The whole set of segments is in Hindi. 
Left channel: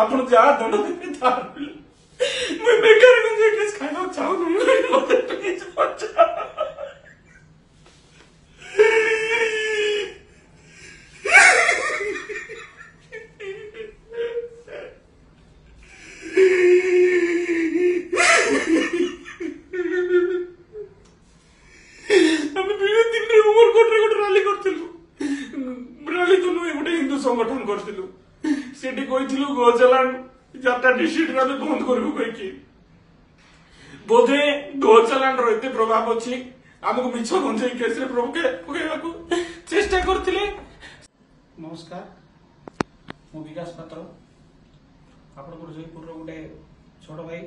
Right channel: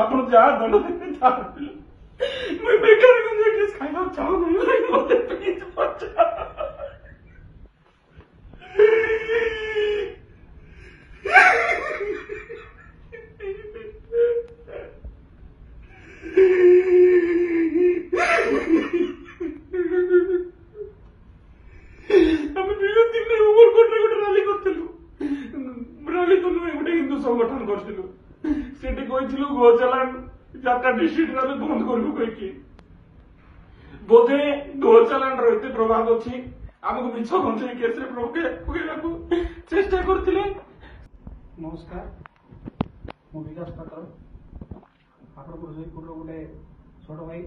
ଆପଣ ଯାହା ଦଣ୍ଡ ଦେବେ ତାହା ମୁଁ ବେକାର ଗଞ୍ଜେଇ କେସ୍ ଖାଇବାକୁ ଚାହୁଁନି ମତେ ପ୍ଲିଜ ବଞ୍ଚା। संगठन करथिलु सेठी कहिथिलु गोचालान यात्रा डिस्ट्रिक्ट रे बंद करबु कहि बोधे गोचालान रो एते प्रभाव अछि हमको मिछ गंजई केस रे प्रभु के पकेबाकू चेष्टा करथिले। नमस्कार मु विकास पात्र आपण को जयपुर रो गुटे छोट भाई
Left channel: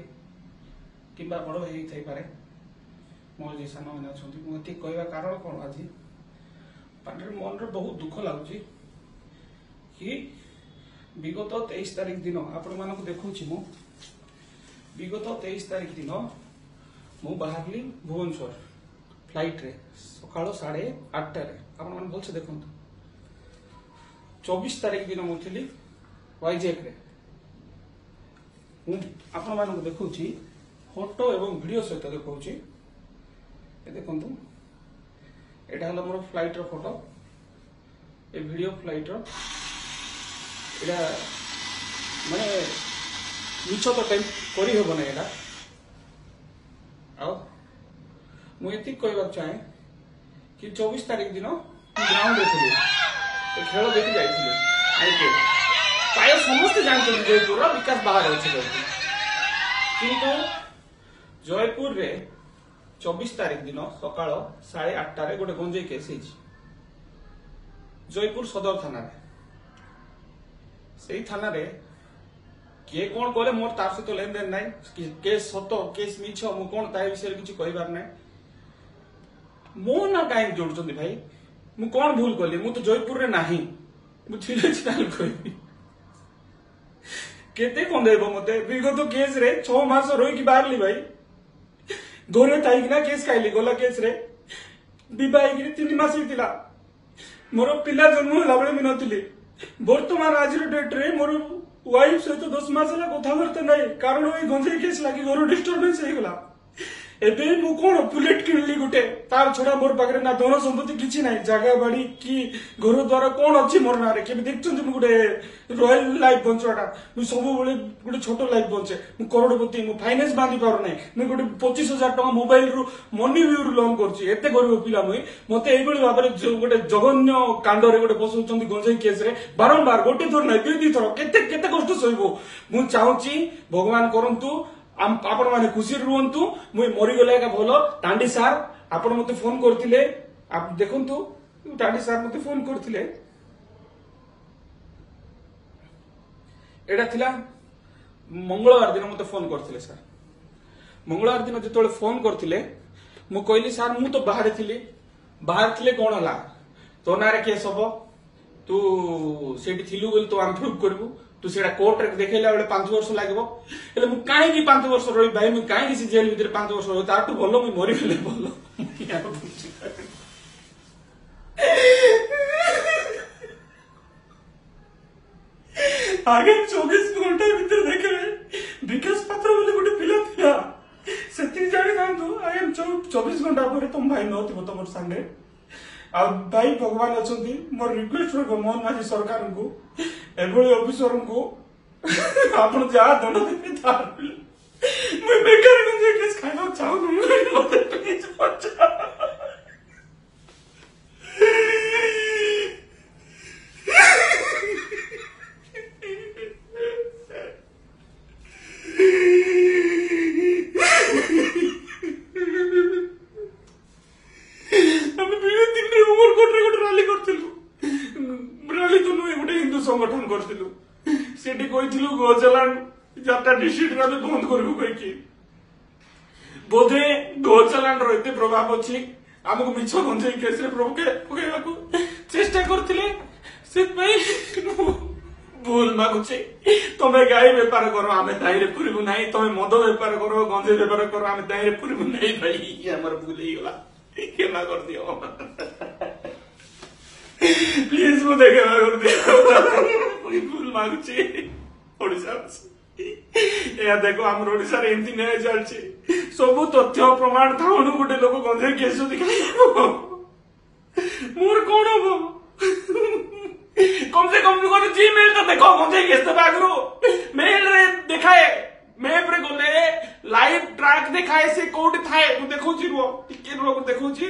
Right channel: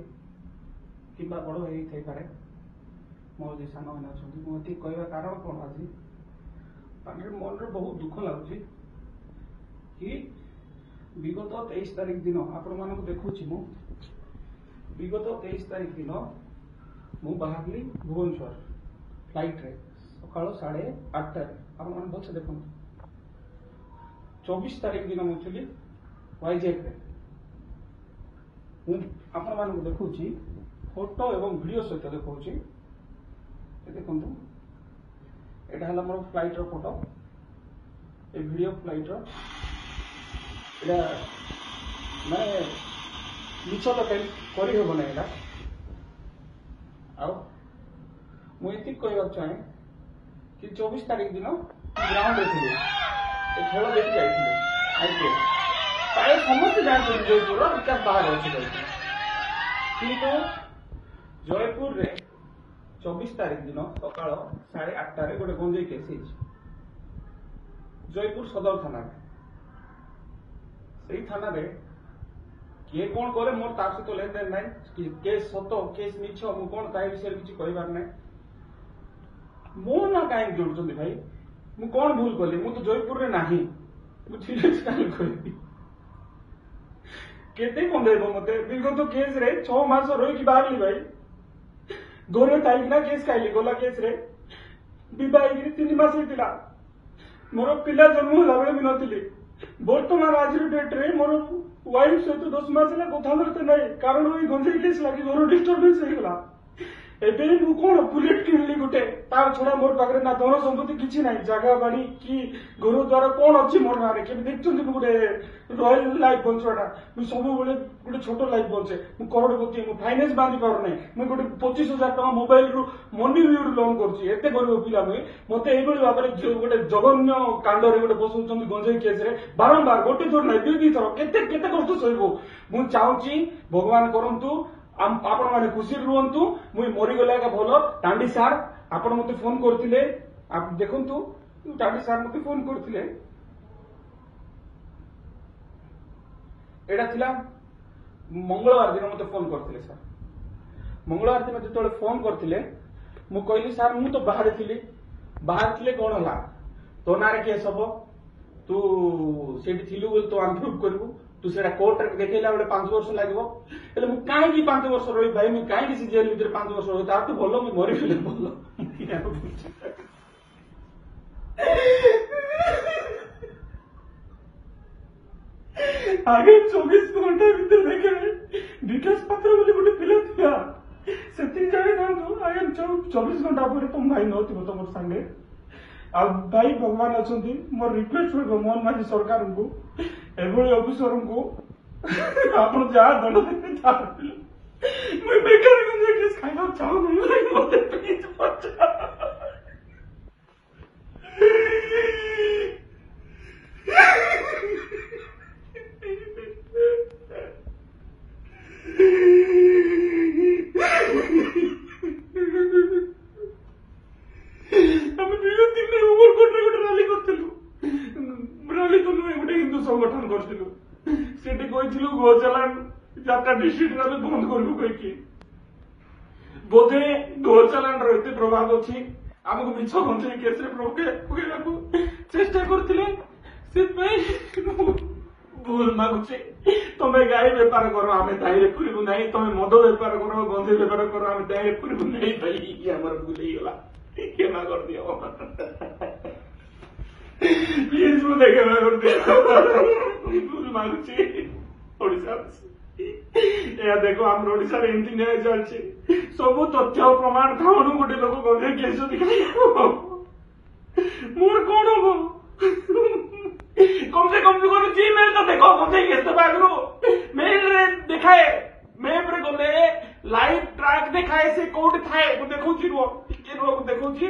किबा बड़ भाई थाई पारे मोर जे सानो माने अछंती मु एते कहबा कारण कोन आज पांडर मन रे बहुत दुख लागुची कि विगत 23 तारीख दिन आपण मानक देखुची मु विगत 23 तारीख दिन मु बाहरली भुवनेश्वर फ्लाइट रे सकाळ 8:30 रे आपण मन बोलछ देखंतु 24 तारीख दिन मु थिली वाईजेक रे मु आपण मानक देखुची फोटो एवं वीडियो सहित देखुची ए देखंतु एटा हला मोर फ्लाइट रो फोटो ए वीडियो फ्लाइट रो एटा माने मिछ तो टाइम करी हेबो नै एटा आ मु एति कहबा चाहे कि 24 तारीख दिन ग्राउंड देखिले ए खेल देखि जाइथिले आईपीएल प्राय समस्त जानते जयपुर रो विकास बाहर अछि किंतु जयपुर रे 24 तारीख दिन सकाळ 8:30 रे गोटे गंजई केस हिच जयपुर सदर थाना रे से थाना रे के कौन करे मोर तार सहित लेन देन नहीं केस सत केस मिछ मु कौन ताई विषय किछि कहबार नै मो ना काई जोड़छंती भाई मु कौन भूल कली मु तो जयपुर रे नाही मु थिले चल कहबी केते कोन देबो मते विगत केस रे 6 मास रोई की बाहरली भाई दोरे ताई ना केस काइली गोला केस रे विवाह गिरी 3 मास हितिला मोर पिला जन्म होला बळे मी नथिली वर्तमान आज डेट रे मोर वाइफ सहित 10 मास ला कथाबार्ता नहीं कारण वही गंजई केस लागी घर डिस्टर्बेंस हो गला एबे मु कोन बुलेट किनली गुटे तार छोड़ा मोर पाखरे ना धन संपत्ति किछि नाही जागा बाड़ी की घर द्वारा कोन अछि मोर नारे के देखछन मु गुटे रॉयल लाइफ बंचोटा मु सब बेले गुटे छोटो लाइफ बंचे मु करोड़पति मु फाइनेंस बांधी पार नाही मु गुटे 25,000 टका मोबाइल रु मनी व्यू रु लोन करछि एते गरीब पिला मुई मते एई बेले बाबरे गुटे जघन्य कांड रे गुटे बसौचंती गंजई केस रे बारंबार गोटे थोर नाही दुई थोर केते केते कष्ट सहिबो मु चाहूची भगवान करंतु आपण माने खुशी रुहंतु मुई मरि गले का भलो टांडी सार आपण मते फोन करथिले आप देखंतु टांडी सार मते फोन करथिले एडा थिला मंगलवार दिन मते फोन करथिले सर मंगलवार दिन जेतोले फोन करथिले मु कहली सर मु तो बाहर थिले कोन हला तो नारे केस हबो तू सेठी थिलु बोल तो हम प्रूव करबू तू सेटा कोर्ट रे देखैला बेले 5 वर्ष लागबो एले मु काहे की 5 वर्ष रही भाई मु काहे की जेल भीतर 5 वर्ष रही तार तो भलो मु मरि गेले भलो आगे 24 घंटा भीतर देखले विकास पात्र बोले गोटे पिला थिया सेति जानि जानतो आगे 24 घंटा ପରେ तुम भाई नथिबो तमर संगे आ भाई भगवान अछंती मोर रिक्वेस्ट हो मोहन माझी सरकार को एभली ऑफिसर को आपण जा दंड देबे तार मैं बेकार गंजई केस खाइବାକୁ चाहूनी मते प्लीज बचा। संगठन करथिलु सेठी कहिथिलु गोचालान यात्रा डिस्ट्रिक्ट रे बंद करबु कहि बोधे गोचालान रो एते प्रभाव अछि हमको मिछ गंजई केस रे प्रभु के पकेबाकू चेष्टा करथिले से भाई भूल मागुचे तमे गाई व्यापार करो आमे दाई रे पुरबु नाही तमे मद व्यापार करो गंजई व्यापार करो आमे दाई रे पुरबु नाही भाई ये हमर भूल ही गला केना कर दियो प्लीज मु देखे कर दियो भूल मागुचे ओडिसा। देखो आम ओडिशा रे एमती न्याय चलछि सब तथ्य प्रमाण थाउनु गोटे लोक गंधे केस जदि मोर कोन हो कम से कम कोन जीमेल तो देखो गंधे केस तो बागरो मेल रे देखाए मैप रे गले लाइव ट्रैक देखाए से कोड थाए मु देखौ छी रो टिके रो देखौ छी